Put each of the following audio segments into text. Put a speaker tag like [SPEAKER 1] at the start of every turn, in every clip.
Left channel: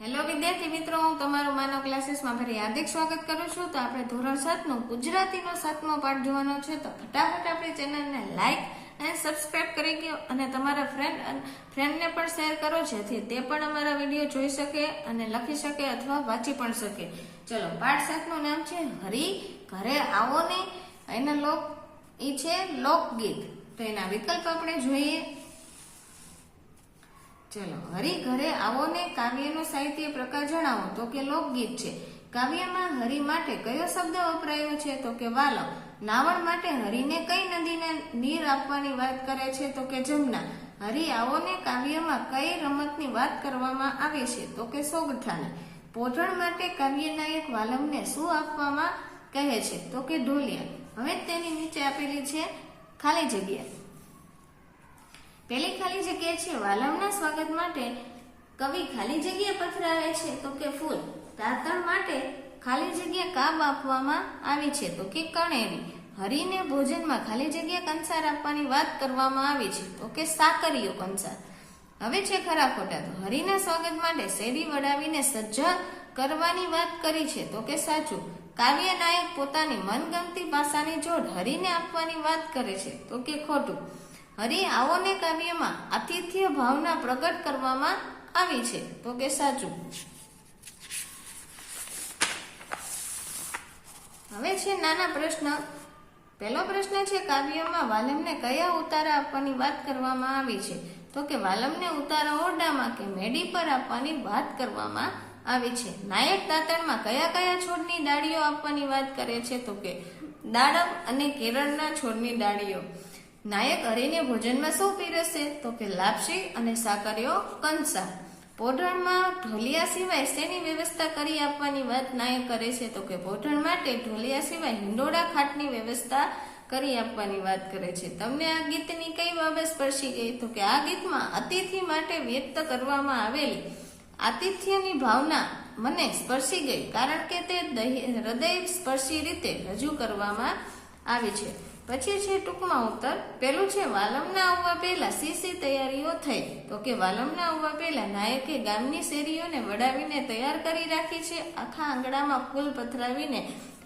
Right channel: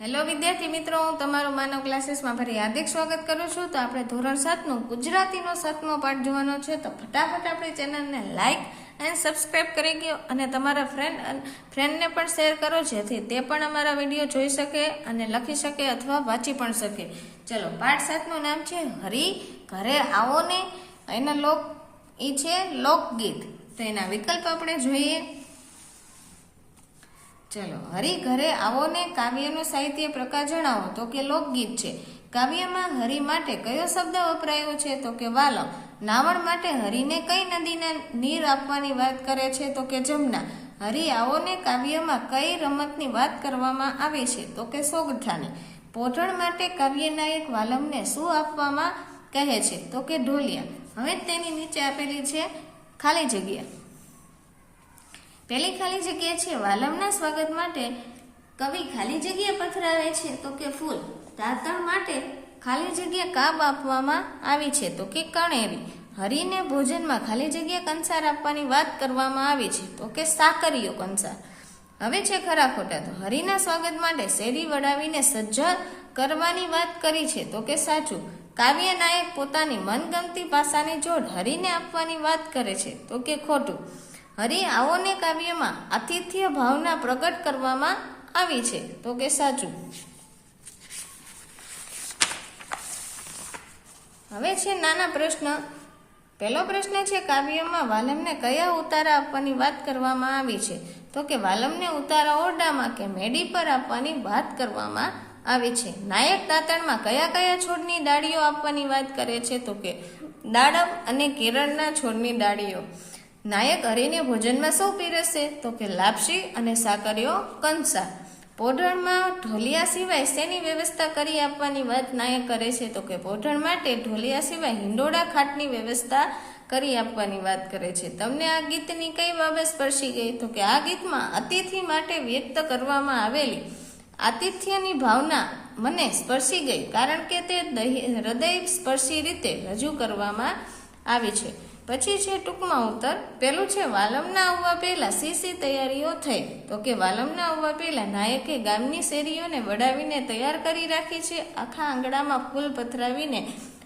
[SPEAKER 1] Hello વિદ્યાર્થી મિત્રો, હું તમારું માનવ ક્લાસીસમાં ફરી હાર્દિક સ્વાગત કરું છું. તો આપણે ધોરણ સાતનું ગુજરાતીનો સાતમો પાઠ જોવાનો છે. તો ફટાફટ આપણી ચેનલને લાઇક અને સબસ્ક્રાઇબ કરી ગયો અને તમારા ફ્રેન્ડ ફ્રેન્ડને પણ શેર કરો, જેથી તે પણ અમારા વીડિયો જોઈ શકે અને લખી શકે અથવા વાંચી પણ શકે. ચલો, પાઠ સાતનું નામ છે હરી, ઘરે આવો ને. એના લોક એ છે લોકગીત. તો એના વિકલ્પ આપણે જોઈએ. ચલો હરી ઘરે આવો ને કાવ્યનો સાહિત્ય પ્રકાર જણાવો. તો કે લોકગીત છે. કાવ્યમાં હરી માટે કયો શબ્દ વપરાયો છે? તો કે વાલમ નાવણ માટે હરીને કઈ નદીના નીર આપવાની વાત કરે છે? તો કે જમના, હરી આવો ને કાવ્યમાં કઈ રમતની વાત કરવામાં આવે છે? તો કે સોગઠાની પોઢણ માટે કાવ્યનાયક વાલમને શું આપવામાં કહે છે? તો કે ઢોલિયા. હવે તેની નીચે આપેલી છે ખાલી જગ્યા. પેલી ખાલી જગ્યા છે, વાલમના સ્વાગત માટે કવિ ખાલી જગ્યા પથરાવે છે, તો કે ફૂલ દાતણ માટે ખાલી જગ્યા કાબ આપવામાં આવી છે, તો કે કણેરી હરીને ભોજનમાં ખાલી જગ્યા કંસાર આપવાની વાત કરવામાં આવી છે, તો કે સાકરીયો કંસાર. હવે છે ખરા ખોટા, તો હરિના સ્વાગત માટે શેરી વડાવીને સજ્જ કરવાની વાત કરી છે, તો કે સાચું. કાવ્ય નાયક પોતાની મનગમતી પાસાની જોડ હરિને આપવાની વાત કરે છે, તો કે ખોટું. હરિ આવોને કાવ્યમાં આતિથ્ય ભાવના પ્રગટ કરવામાં આવી છે. તો કે સાચું? હવે છે નાના પ્રશ્ન. પહેલો પ્રશ્ન છે કાવ્યમાં વાલમને કયા ઉતારા આપવાની વાત કરવામાં આવી છે? તો કે વાલમને ઉતારા ઓરડામાં કે મેડી પર આપવાની વાત કરવામાં આવી છે. નાયક દાંતણમાં કયા કયા છોડની ડાળીઓ આપવાની વાત કરે છે? તો કે દાડમ અને કેરળના છોડની ડાળીઓ. નાયક હરીને ભોજનમાં શું પીરસે તો કે લાપસી અને સાકરીઓ કંસા. પોઢણમાં ઢોલિયા સિવાય શેની વ્યવસ્થા કરી આપવાની વાત નાયક કરે છે તો કે પોઢણ માટે ઢોલિયા સિવાય હિંડોળા ખાટની વ્યવસ્થા કરી આપવાની વાત કરે છે. તમને આ ગીતની કઈ બાબત સ્પર્શી ગઈ? તો કે આ ગીતમાં અતિથિ માટે વ્યક્ત કરવામાં આવેલી આતિથ્યની ભાવના મને સ્પર્શી ગઈ કારણ કે તે હૃદય સ્પર્શી રીતે રજૂ કરવામાં આવી છે. પછી છે ટૂંકમાં ઉત્તર, પેલું છે વાલમના આવવા પહેલા સી સી તૈયારીઓ થઈ? તો કે વાલમના આવવા પહેલા નાયકે ગામની શેરીઓને વડાવીને તૈયાર કરી રાખી છે, આખા આંગણામાં ફૂલ પથરાવીને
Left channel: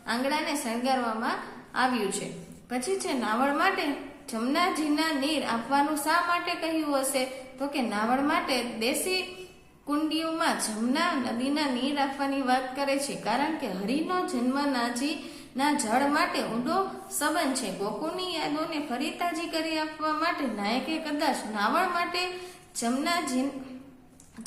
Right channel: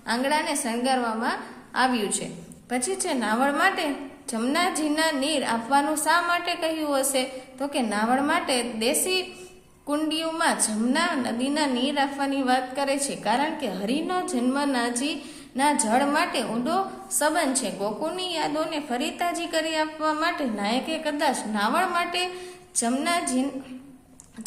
[SPEAKER 1] આંગણાને શણગારવામાં આવ્યું છે. પછી છે નાવડ માટે? જમનાજીના નીર આપવાનું શા માટે કહ્યું હશે? તો કે નાવડ માટે દેશી કુંડીઓમાં જમના નદીના નીર આપવાની વાત કરે છે, કારણ કે હરિનો જન્મ નાજી ના, જળ માટે ઊંડો સંબંધ છે. ગોકુળની યાદોને ફરી તાજી કરી આપવા માટે નાયકે કદાચ નાવણ માટે જમનાજી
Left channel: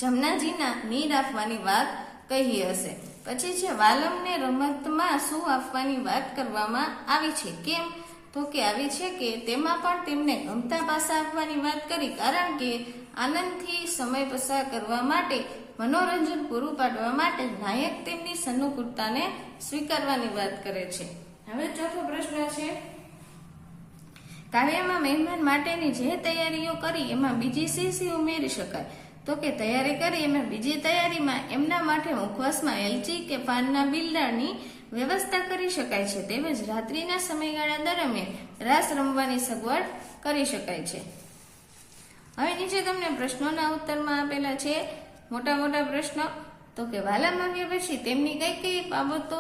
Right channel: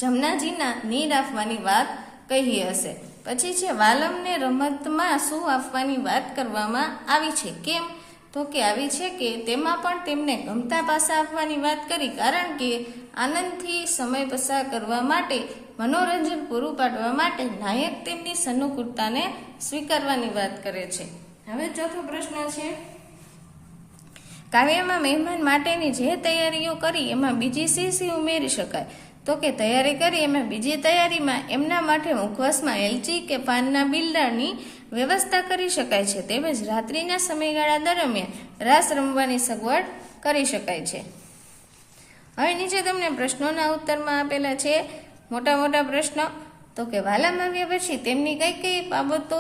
[SPEAKER 1] જમનાજીના નીર આપવાની વાત કહી હશે. પછી છે વાલમને રમતમાં શું આપવાની વાત કરવામાં આવી છે? કેમ? તો કે આવી છે કે તેમાં પણ તેમને ગમતા પાસા આપવાની વાત કરી, કારણ કે આનંદથી સમય પસાર કરવા માટે મનોરંજન પૂરું પાડવા માટે નાયક તેમની સનુકૂળતાને સ્વીકારવાની વાત કરે છે. હવે ચોથો પ્રશ્ન છે, કાવ્યમાં મહેમાન માટેની જે તૈયારીઓ કરી એમાં બીજી સી સી ઉમેરી શકાય? તો કે તૈયારી કરી એમાં બીજી તૈયારીમાં એમના માટે ઉપવાસમાં એલચી કે પાનના બિલ્ડાની વ્યવસ્થા કરી શકાય છે. તેમજ રાત્રિના સમયગાળા દરમિયાન રાસ રમવાની સગવડ કરી શકાય છે. હવે નીચે તમને પ્રશ્નોના ઉત્તરમાં આપેલા છે મોટા મોટા પ્રશ્ન. તો કે વાલામ આવ્યા પછી તેમની કઈ કઈ બાબતો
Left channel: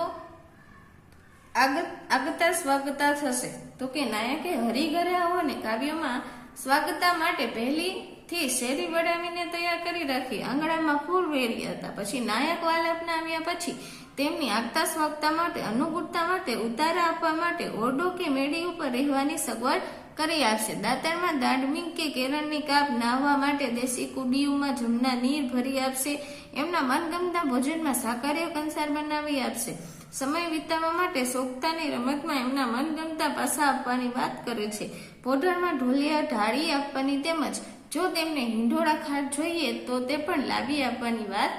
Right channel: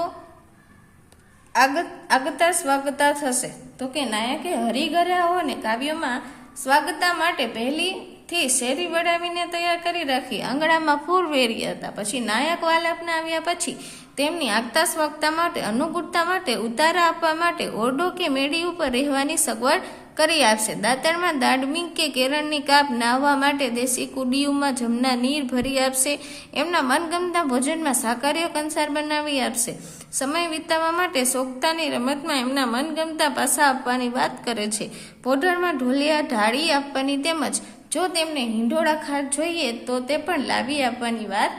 [SPEAKER 1] આગત સ્વાગતા થશે? તો કે નાયકે હરિઘરે આવો ને કાવ્યમાં સ્વાગતા માટે પહેલીથી શેરી વડાવીને તૈયાર કરી રાખી આંગણામાં ફૂલ વેર્યા હતા. પછી નાયક વાલાપને આવ્યા પછી તેમની આગતા સ્વાગતા માટે, અનુકૂળતા માટે, ઉતારા આપવા માટે ઓરડો કે મેડી ઉપર રહેવાની સગવડ કરી આપશે. દાંતણમાં દાડમી કે કેરળની કાપ નાહવા માટે દેશી કુડીઓમાં જમના નીર ભરી આપશે. એમના મનગમતા ભોજનમાં સાકાર્ય કંસાર બનાવી આપશે. સમય વિતાવવા માટે સોગતાની રમતમાં એમના મનગમતા પાસા આપવાની વાત કરે છે. પોઢરમાં ઢોલિયા, ઢાળી આપવાની તેમજ જો તેમને હિંડોળા ખાટ જોઈએ તો તે પણ લાવી આપવાની વાત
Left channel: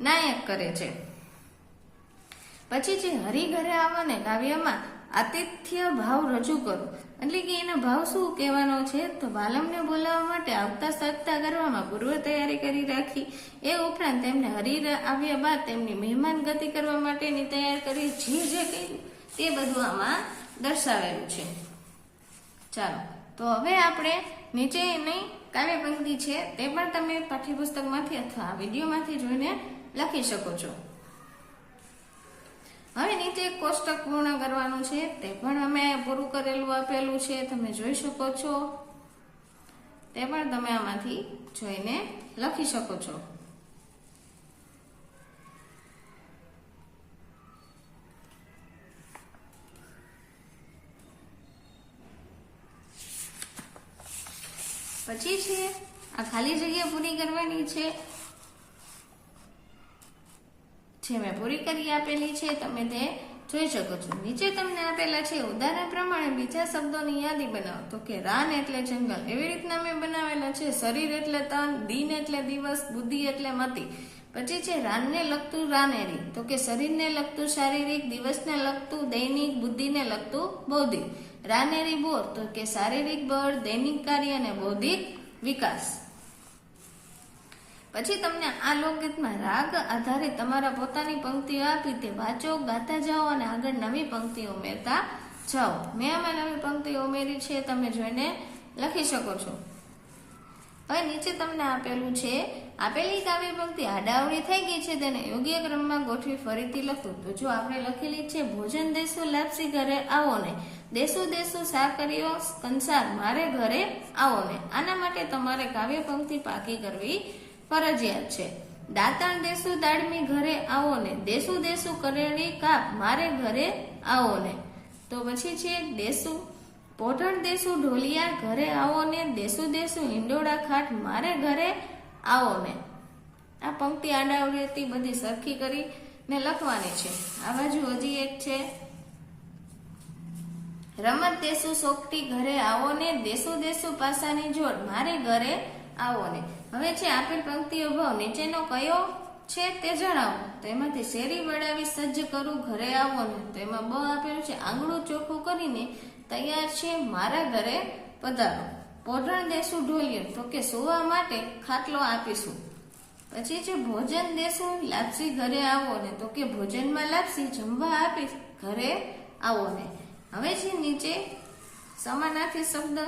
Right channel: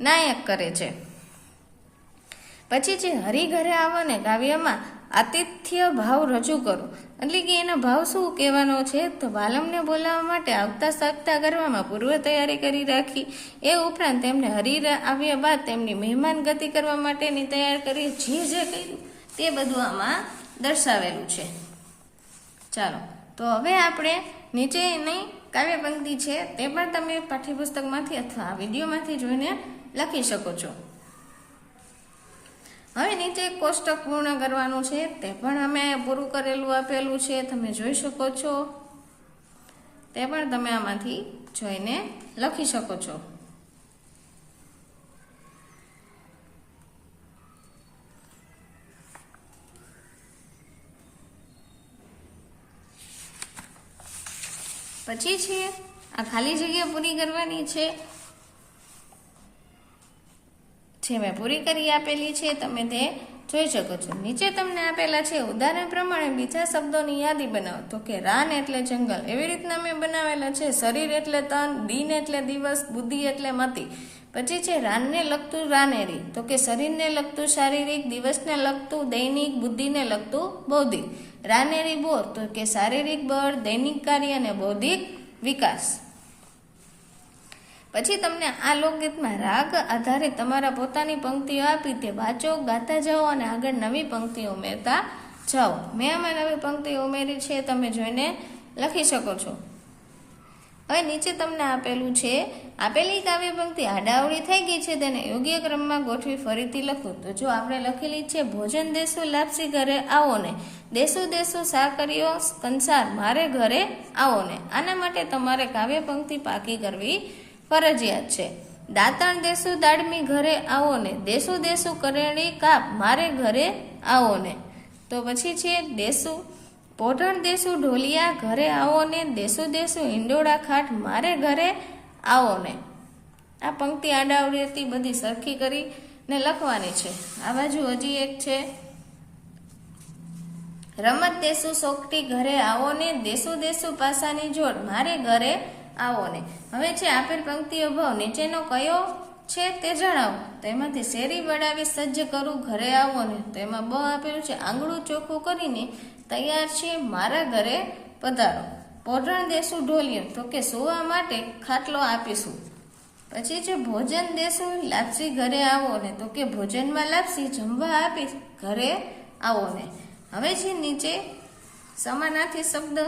[SPEAKER 1] નાયક કરે છે. પછી જે હરિઘરે આવવાને કાવ્યમાં આતિથ્ય ભાવ રજૂ કરો. એટલે કે એના ભાવ શું કહેવાનો છે? તો વાલમને બોલાવવા માટે આવતા સત્તા કરવામાં પૂર્વ તૈયારી કરી રાખી. એ ઉપરાંત તેમને હરી આવ્યા બાદ તેમની મહેમાન ગતિ કરવા માટેની તૈયાર કરી જે જે કહ્યું તે બધું આમાં દર્શાવેલું છે. ચાલો, તો હવે આપણે નીચેની કાવ્ય પંક્તિ છે તે પણ તમે પાઠ્યપુસ્તકમાંથી અથવા વિડીયોમાંથી જોઈને લખી શકો છો. હવે નીચે કોષ્ટક પૂર્ણ કરવાનું છે, તે પણ અમે પૂરું કરેલું, આપેલું છે, તમે જોઈ શકો છો. તે પણ તમે આમાંથી જોઈને લખી શકો છો. પછી છે, આ ખાલી જગ્યા પૂરી કરવાની છે. જે મેં પૂરી કરી આપેલી છે, તમે તે જોઈ શકો છો. નીચે તમને આપેલા છે, ઉદાહરણ પ્રમાણે બીજા શબ્દોની યાદી બનાવો. તો કે, રાન એટલે જંગલ. એવી રીતના મેં બનાવેલા છે, શરીર એટલે તન, દિન એટલે દિવસ, બુદ્ધિ એટલે મતિ. પછી છે, રાનને લગતું રાનેરી. તો કે, શરીરને લગતું શારીરિક, દિવસને લગતું દૈનિક, બુદ્ધિને લગતું બૌદ્ધિક. રાનેરી બોર. તો કે, શારીરિક બળ, દૈનિક કાર્ય અને બૌદ્ધિક વિકાસ. પછી તમને આ લોકગીતમાં રાગ આધારે તમારા પોતાની પંક્તિઓ આપી તે વાંચો, ગાતા જાઓ અને આગળ નવી પંક્તિઓ ઉમેરતા જાઓ. મેં આમાં નવી પંક્તિઓ ઉમેરી છે, તમે જોઈને લખી શકો છો. હવે નીચે તમને આપેલું છે, આપેલી કાવ્ય પંક્તિ આડાવડી થઈ ગઈ છે, તેને યોગ્ય ક્રમમાં ગોઠવી ફરીથી લખો. તો જો આપણે લખેલી છે, ભોજન દેશું લાપસી ઘરે આવો ને, દેશું દેશું સાકરીઓ કંસાર મારે ઘરે આવો ને. આના માટે તમારે કાવ્ય પંક્તિ પાકી કરવી ફરજિયાત છે. દાંતણ દેશું દાડમી ઘરે આવો ને દેસુ દેશું કરેણી કાપ, મારે ઘરે આવો ને. તો પછી છે દેસુ પોઢણ દેસુ ઢોલિયા ઘરે આવો ને, દેશું દેશું હિંડોળા ખાટ, મારે ઘરે આવો ને. આ પંક્તિ આડાવડી હતી, બધી સરખી કરી ને લખવાની છે. આ બાજુ હજી એક છે. રમત દેશું સોકટી ઘરે આવો ને, દેશું દેશું પાસાની જોડ, મારે ઘરે આવો ને. હવે છે આપેલ પંક્તિઓ ભાવ નીચેનો કયો છે તે જણાવો. તો એમાંથી શેરી વડાવી સજ્જ કરું, ઘરે આવો ને તો એમાં બ આપેલું છે, આંગળું ચોખ્ખું કરીને તૈયાર છે મારા ઘરે પધારો. પોઢણ દેશું ઢોલિયો, તો કે સુવા માટે ખાટલો આપીશું. પછી છે ભોજન દેશું લાપસી ઘરે આવો ને તો કે ભોજનમાં લાપસી જમવા આપીશ, ઘરે આવો ને. હવે છે નીચે સમાનાર્થી શબ્દ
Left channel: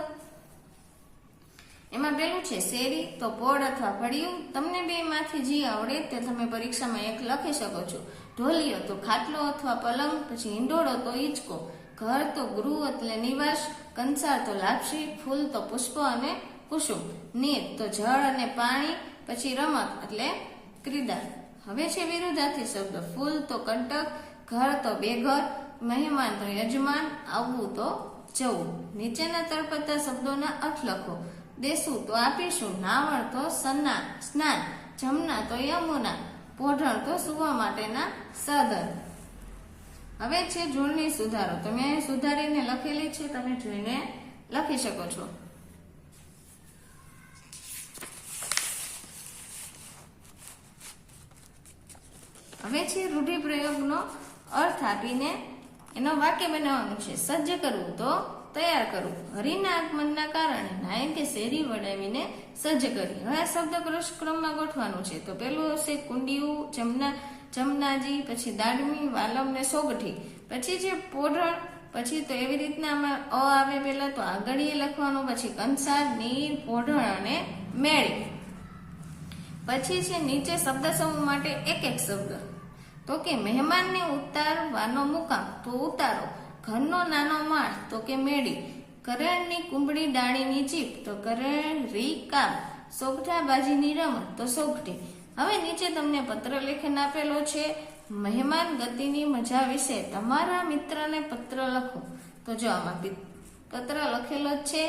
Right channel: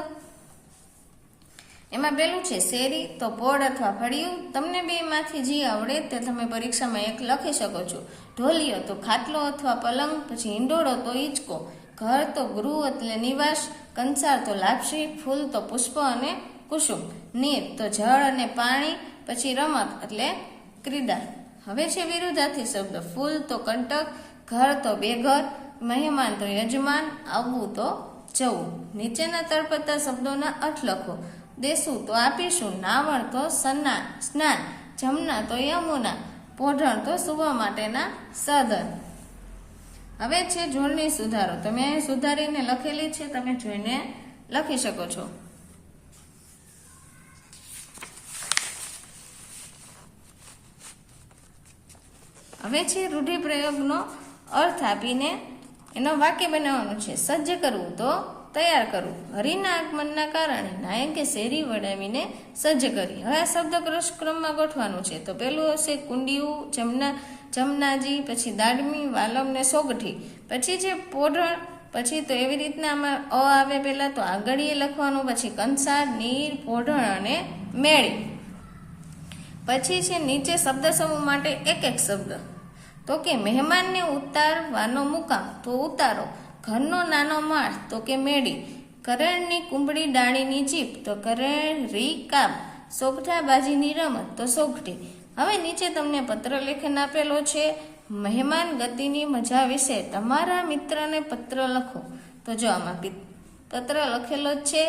[SPEAKER 1] એમાં પેલું છે, શેરી તો પોળ અથવા ફળિયું, તમને બે માંથી જે આવડે તે તમે પરીક્ષામાં એક લખી શકો છો. ઢોલિયો તો ખાટલો અથવા પલંગ, પછી હિંડોળો તો હિંચકો ઘર તો ગૃહ એટલે નિવાસ, કંસાર તો લાપસી, ફૂલ તો પુષ્પ અને કુસુમ. નીર તો જળ અને પાણી, પછી રમત એટલે ક્રીડા. હવે છે વિરુદ્ધાર્થી શબ્દ. ફૂલ તો કંટક, ઘર તો બેઘર, મહેમાન તો યજમાન આવવું તો જવું. નીચેના તળપતા શબ્દોના અર્થ લખો. દેશું તો આપીશું, નાવણ તો સન્ના, સ્નાન, જમના તો યમુના, પોઢણ તો સુવા માટેના સાધન. હવે છે જોડણી સુધારો. તમે અહીં સુધારીને લખેલી છે, તમે જોઈને લખી શકો છો. હવે છે રૂઢિપ્રયોગનો અર્થ આપીને એનો વાક્ય બનાવવાનું છે. સજ્જ કરવું તો તૈયાર કરવું હરિના આગમનના કારણે નાયકે શેરી વડાવીને સજ્જ કરી. હવે આ શબ્દ ક્રમમાં ગોઠવાનું છે. તો પેલું હશે કુંડિયું, જમના, જમનાજી, પછી દાડમી, વાલમ ને સોગઠી. પછી છે પોઢણ, પછી તો એવી રીતના આમાં અ આવે પહેલાં તો આગળીએ લખવાનું, પછી કંસાર, નીર, પોઢણ અને મેળી. પછી છે નીચે શબ્દ સમૂહ માટે એક એક શબ્દ. તો કે મહેમાનને ઉતારવાનો મુકામ. તો ઉતારો. ઘરનો નાનો માળ તો કે મેળી. કરણની કુંબળી ડાળીની જીપ તો કરણ રી કામ. સોગઠાબાજીની રમત તો સોગઠી હવે નીચે તમને પત્ર લેખન આપેલો છે. મહેમાન ગતિની મજા વિશે તમારા મિત્રને પત્ર લખો. તો જો આમાં પત્ર લખેલો જ છે.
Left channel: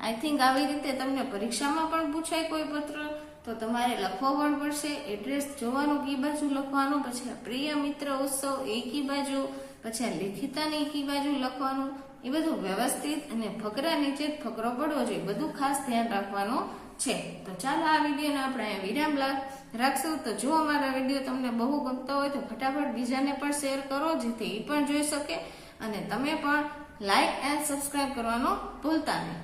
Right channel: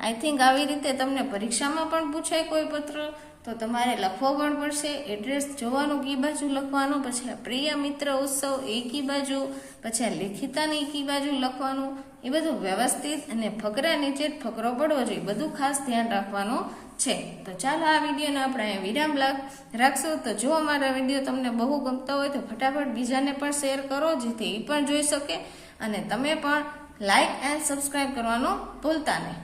[SPEAKER 1] આઈ થિંક આવી રીતે તમને પરીક્ષામાં પણ પૂછાય કોઈ પત્ર. તો તમારે લખવો પણ પડશે. એડ્રેસ જોવાનું કી બાજુ લખવાનું. પછી પ્રિય મિત્ર ઉત્સવ એ કી બાજુ. પછી આ લિખિતાની કી બાજુ લખવાનું, એ બધું વ્યવસ્થિત અને ફકરા નીચે જ ફકરો પડવો જોઈએ. બધું ખાસ ધ્યાન રાખવાનું છે. તો ચાલો આ વિડીયોને આપણે અહીંયા વિરામ રાખશું. તો જો અમારા વીડિયો તમને બહુ ગમતો હોય તો ફટાફટ બીજાને પણ શેર કરો, જેથી એ પણ જોઈ શકે અને તમે પણ લાઈક એન્ડ સબસ્ક્રાઈબ કરવાનું ભૂલતા નહીં.